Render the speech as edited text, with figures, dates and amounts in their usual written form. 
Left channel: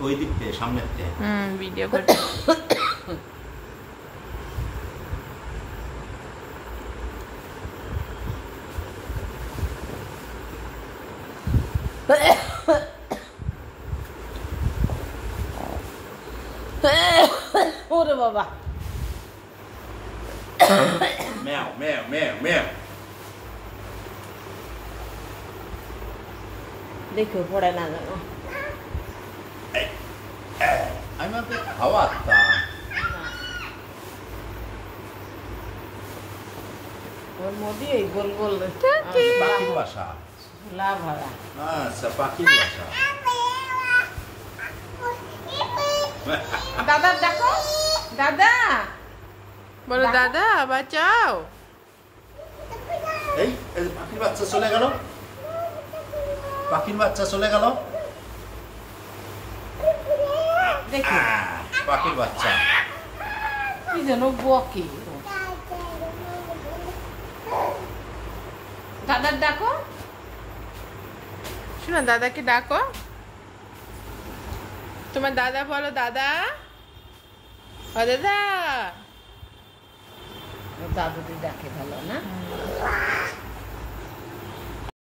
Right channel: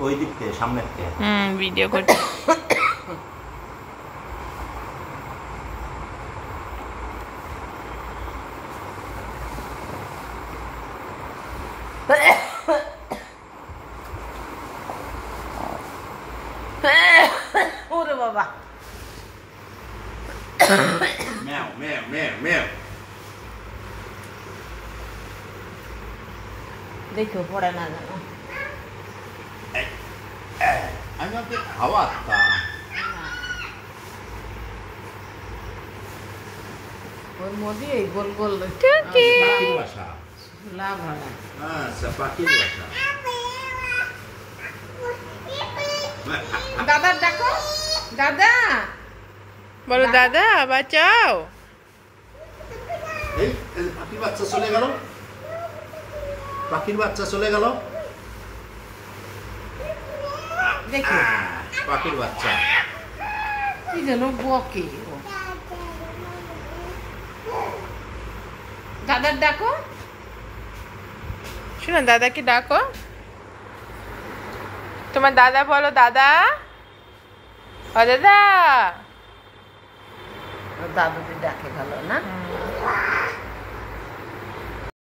ওই দিক থেকে সামনের থেকে ভিডিও করতে ওরে বাবা ম্যাও ম্যাও ম্যাও ম্যাও দেখো পড়ে না যেন আমি ওকে খাওয়াতাম ওর মধ্যে এই গোল গোল পাখির বাসা লাভ হয় আচ্ছা পাখির বাসা দাদা ডাকো দাদা বলো দাদা বাঁচাও এই পাখির বাচ্চা চলে গেল পাখির বাচ্চা চলে গেল দেখো পাখির বাচ্চা কি যেন বকে দাদার ডাকো শোনো দাদাকে ডাকো তোমার দাদা বলো দাদা ও দাদা দাদুদি ডাকে ভালো না